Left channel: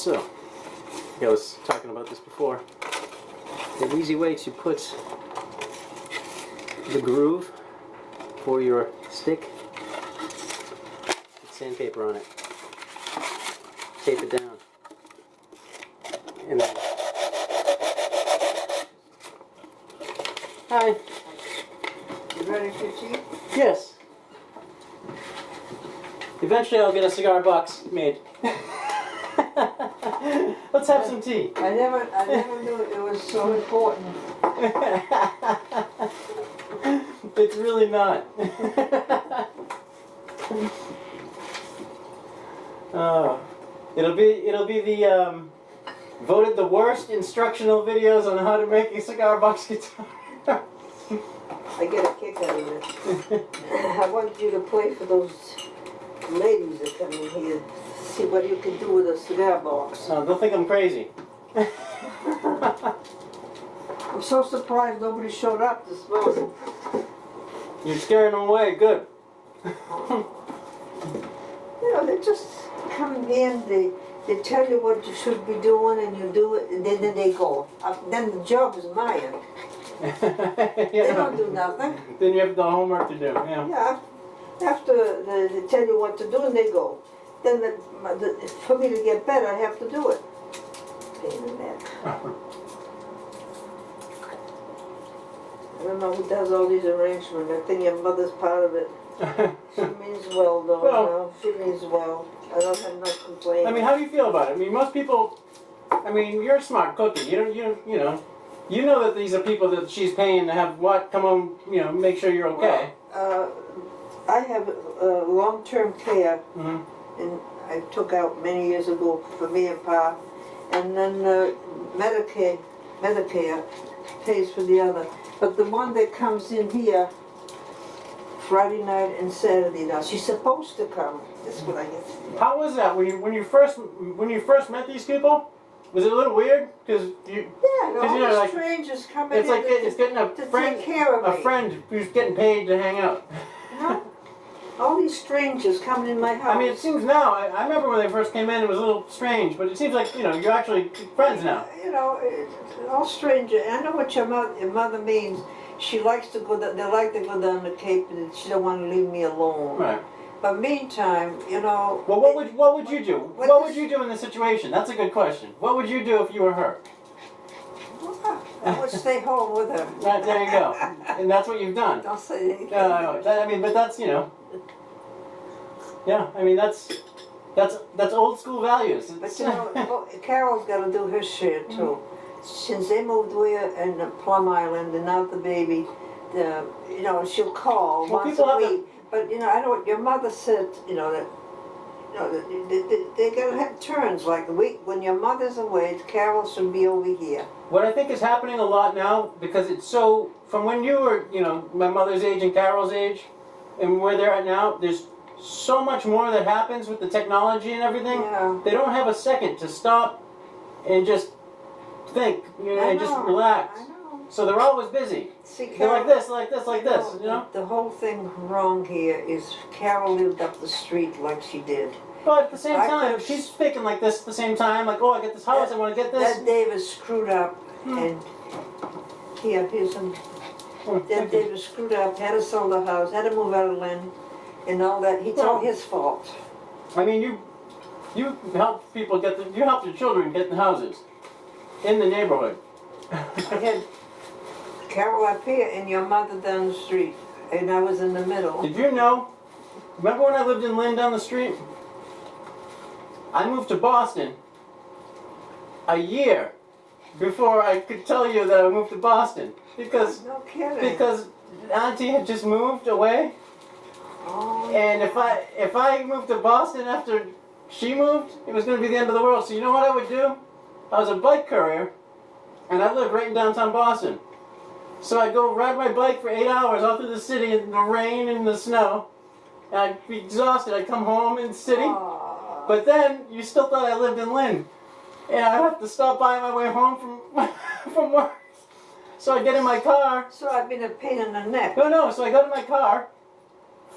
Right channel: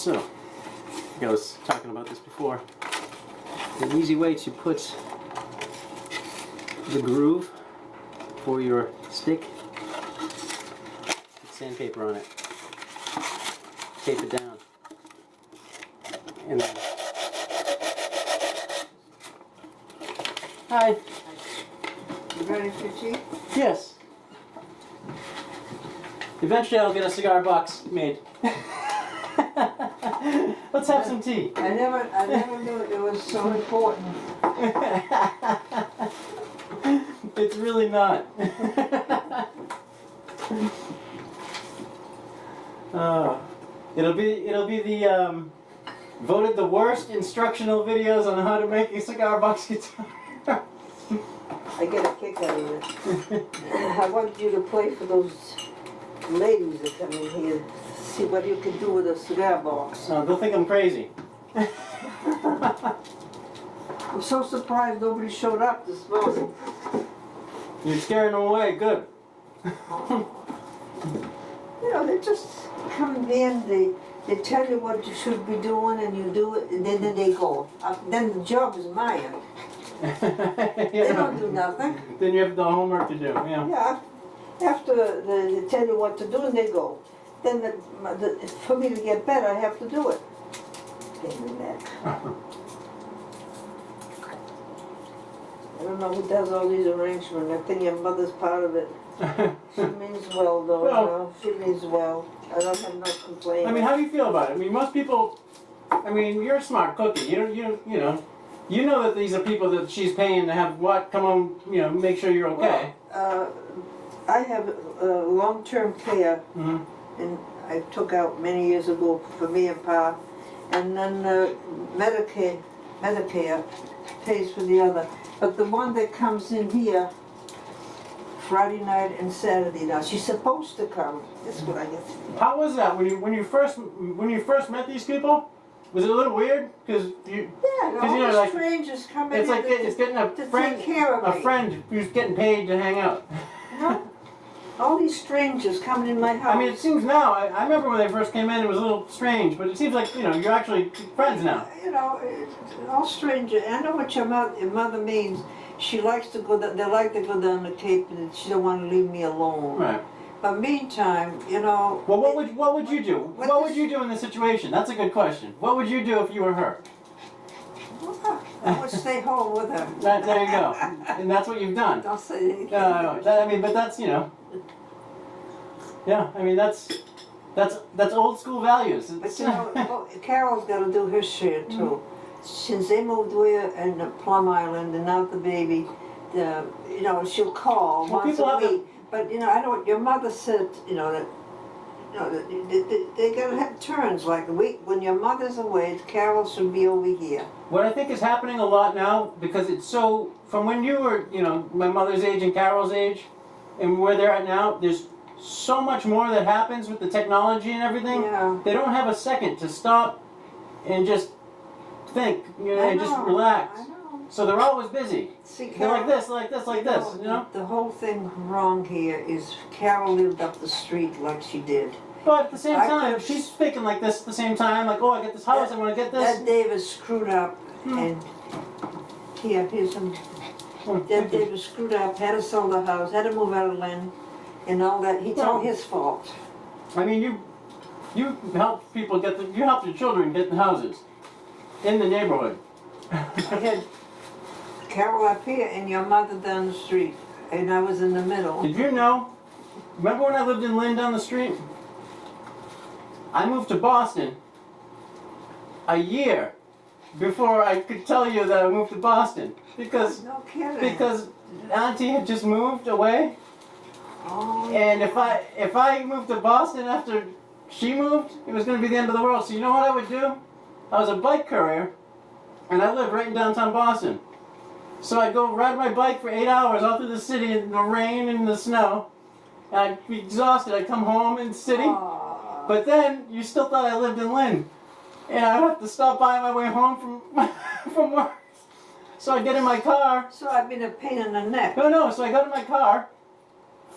So, like I was talking about this before, an easy way to put the groove for your stick, put sandpaper on it, tape it down, and then... Hi. You ready for tea? Yes. Eventually I'll get a cigar box made. Let's have some tea. I never knew it was so important. It's really not. It'll be the voted the worst instructional videos on how to make a cigar box guitar. I get a kick out of it. I want you to play for those ladies that come in here. See what you can do with a cigar box. Don't think I'm crazy. I'm so surprised nobody showed up this morning. You're scaring them away. Good. You know, they just come in, they tell you what you should be doing, and you do it, and then they go. Then the job is mine. They don't do nothing. Then you have the homework to do. Yeah. Yeah. After they tell you what to do, and they go. Then for me to get better, I have to do it. Pain in the neck. I don't know who does all these arrangements. I think your mother's part of it. She means well, though. Well, you know? She means well. I don't have no complaint. I mean, how do you feel about it? I mean, most people. I mean, you're a smart cookie. You know that these are people that she's paying to have what come on. Make sure you're okay. Well, I have long-term care, and I took out many years ago for me and Pa, and then Medicare pays for the other. But the one that comes in here Friday night and Saturday now, she's supposed to come. This is what I get. How was that when you first met these people? Was it a little weird? Because all these strangers coming in. It's like it's getting a friend, take care of me. A friend who's getting paid to hang out. All these strangers coming in my house. I mean, it seems now. I remember when they first came in, it was a little strange, but it seems like you're actually friends now. All strangers. I know what your mother means. She likes to go. They like to go down the Cape, and she don't want to leave me alone. Right. But meantime, Well, what would you do? What would you do in this situation? That's a good question. What would you do if you were her? I would stay home with her. Right, there you go. And that's what you've done. Don't say anything. No. I mean, but that's Yeah, I mean that's old school values. But Carol's got to do her share too. Since they moved away in Plum Island and now the baby, she'll call once a week. But I know what your mother said. That they gotta have turns. Like a week when your mother's away, Carol should be over here. What I think is happening a lot now, because it's so from when you were my mother's age and Carol's age, and where they're at now, there's so much more that happens with the technology and everything. Yeah. They don't have a second to stop and just think, and just relax. I know. So they're always busy. See, they're like this, like this, like this. The whole thing wrong here is Carol lived up the street like she did. But at the same time, she's thinking like this at the same time. Like, oh, I get this house, I want to get this. That David screwed up, and here's some. That David screwed up, had to sell the house, had to move out of Lynn, and all that. It's all his fault. I mean, you help people you help your children get the houses in the neighborhood. I had Carol up here and your mother down the street, and I was in the middle. Did you know? Remember when I lived in Lynn down the street? I moved to Boston a year before I could tell you that I moved to Boston because No kidding. because Auntie had just moved away. Oh. And if I moved to Boston after she moved, it was going to be the end of the world. So you know what I would do? I was a bike courier, and I lived right in downtown Boston. So I'd go ride my bike for 8 hours all through the city in the rain and the snow. And I'd be exhausted. I'd come home in the city. But then you still thought I lived in Lynn. And I'd have to stop by on my way home from work. So I'd get in my car. So I've been a pain in the neck. No. So I got in my car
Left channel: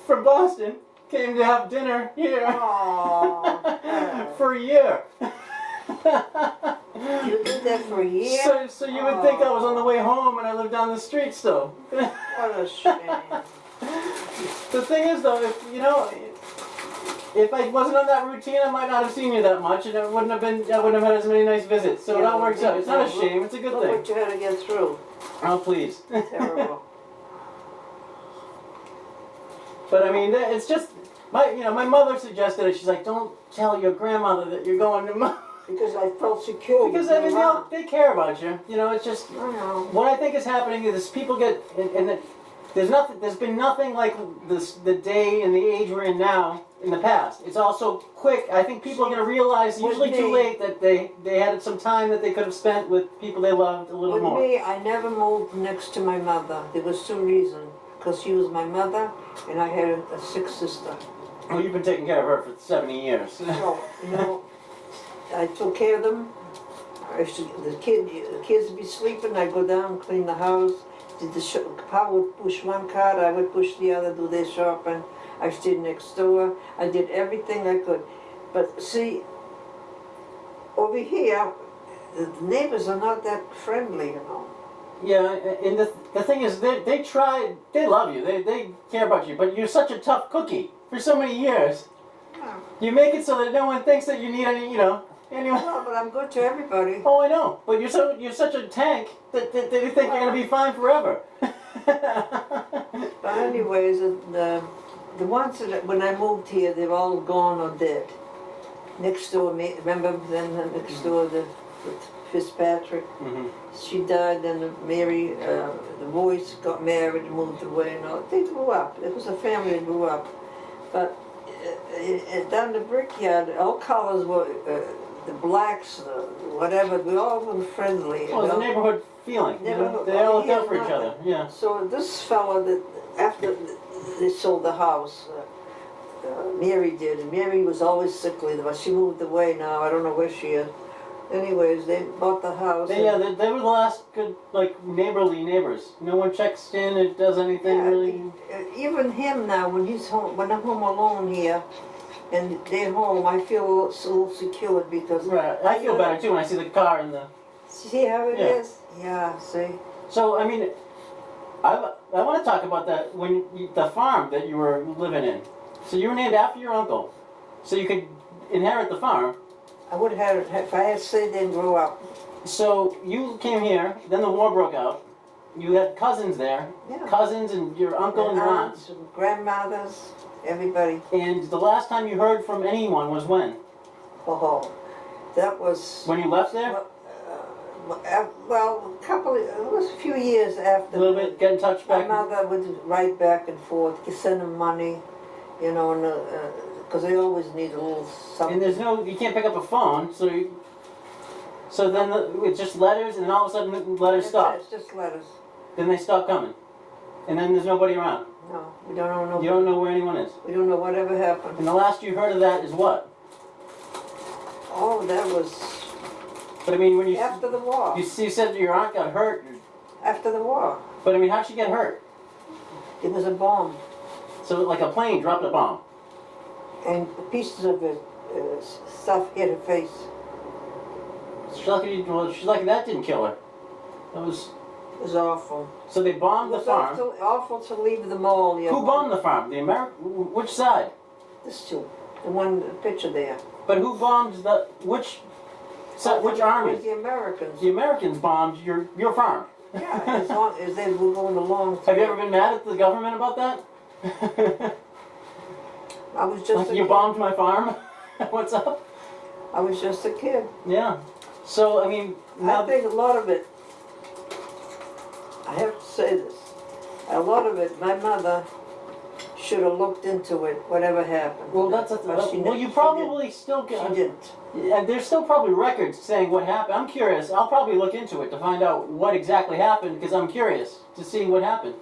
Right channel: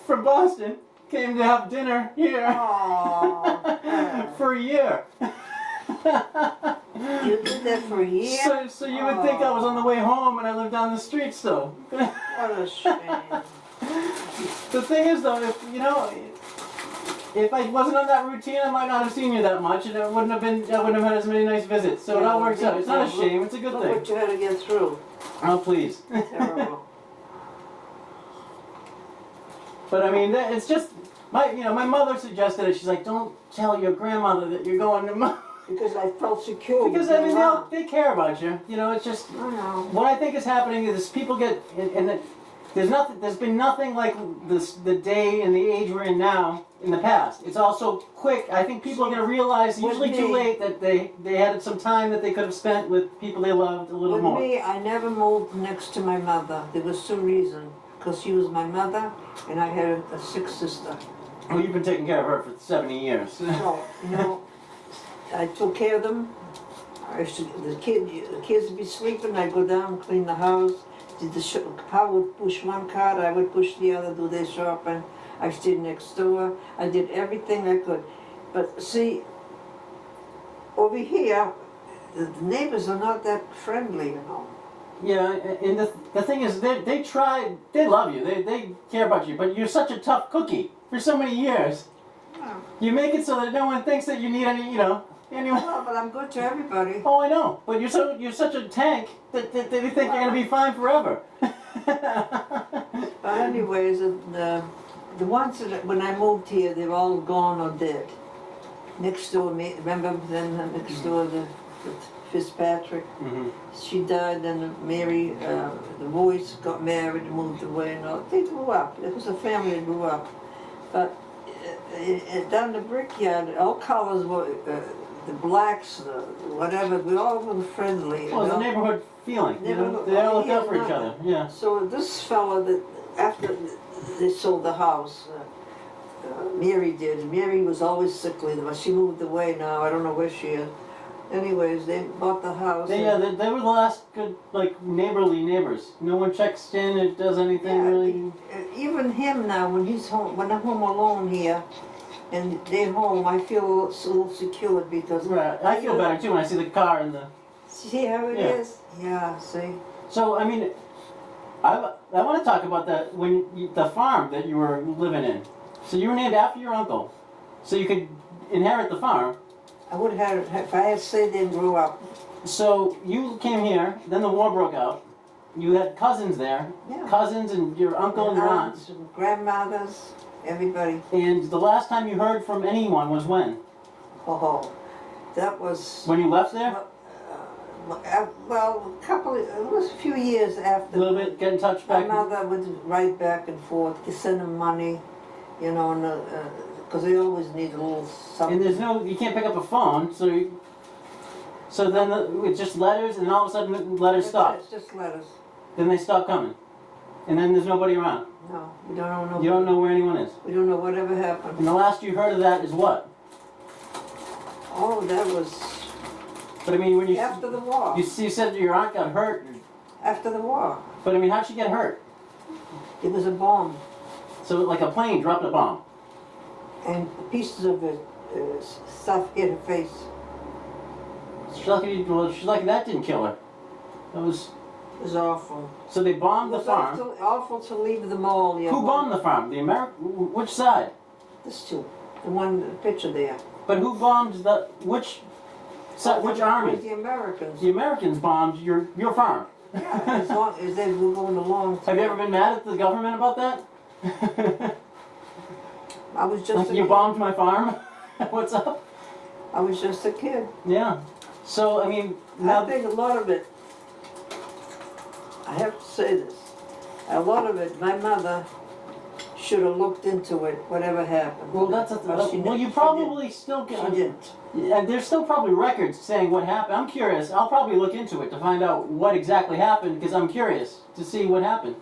from Boston, came to have dinner here for a year. You did that for a year? So you would think I was on the way home and I lived down the street still. What a shame. The thing is though, if I wasn't on that routine, I might not have seen you that much, and I wouldn't have had as many nice visits. So it all works out. It's not a shame. It's a good Look thing. what you had to get through. Oh, please. Terrible. But I mean, it's just my mother suggested it. She's like, don't tell your grandmother that you're going to. Because I felt secure. Because I mean, they care about you. It's just I know. what I think is happening is people get there's been nothing like the day and the age we're in now in the past. It's all so quick. I think people are going to realize usually too late that they had some time that they could have spent with people they loved a little more. With me, I never moved next to my mother. There was two reasons. Because she was my mother, and I had a sick sister. Well, you've been taking care of her for 70 years. No, I took care of them. The kids would be sleeping. I'd go down, clean the house. Pa would push one cart, I would push the other, do their shopping. I stayed next door. I did everything I could. But see, over here, the neighbors are not that friendly, Yeah, and the thing is, they love you, they care about you, but you're such a tough cookie for so many years. You make it so that no one thinks that you need any, anyway. No, but I'm good to everybody. Oh, I know, but you're such a tank that they think you're going to be fine forever. But anyways, the ones that when I moved here, they're all gone or dead. Next door, remember them next door, the Fitzpatrick? Mm-hmm. She died, and Mary, the boys got married, moved away, and all. They grew up. It was a family that grew up. But down the brickyard, all colors were, the blacks, whatever, we all were friendly. Well, the neighborhood feeling. They all look out for each other. Yeah. So this fella, that after they sold the house, Mary did, and Mary was always sickly, but she moved away now. I don't know where she is. Anyways, they bought the house. They were the last good, neighborly neighbors. No one checks in or does anything really. Even him now, when he's home, when I'm home alone here, and they're home, I feel a little secured because. Right, I feel better too when I see the car and the. See how it is? Yeah. See. So I mean, I want to talk about that the farm that you were living in. So you were named after your uncle, so you could inherit the farm. I would have if I had stayed there and grew up. So you came here, then the war broke out. You had cousins there, cousins and your uncle and your aunts. And grandmothers, everybody. And the last time you heard from anyone was when? Oh, that was... When you left there? Well, it was a few years after. A little bit, get in touch back? My mother would write back and forth, to send them money, because they always need a little something. And you can't pick up a phone, so then it's just letters, and then all of a sudden the letters stop. It's just letters. Then they stop coming. And then there's nobody around. No, we don't know nobody. You don't know where anyone is. We don't know whatever happened. And the last you heard of that is what? Oh, that was... But I mean, when you... After the war. You said your aunt got hurt. After the war. But I mean, how'd she get hurt? It was a bomb. So like a plane dropped a bomb. And pieces of the stuff hit her face. She's lucky that didn't kill her. It was awful. So they bombed the farm. It was awful to leave the mall. Who bombed the farm? The which side? This two. The one picture there. But who bombed which army? The Americans. The Americans bombed your farm. Yeah, as long as they were going along. Have you ever been mad at the government about that? I was just you bombed my farm? What's up? I was just a kid. Yeah. So, I mean... I think a lot of it, I have to say this, a lot of it, my mother should have looked into it, whatever happened. Well, you probably still get... She didn't. And there's still probably records saying what happened. I'm curious. I'll probably look into it to find out what exactly happened, because I'm curious to see what happened.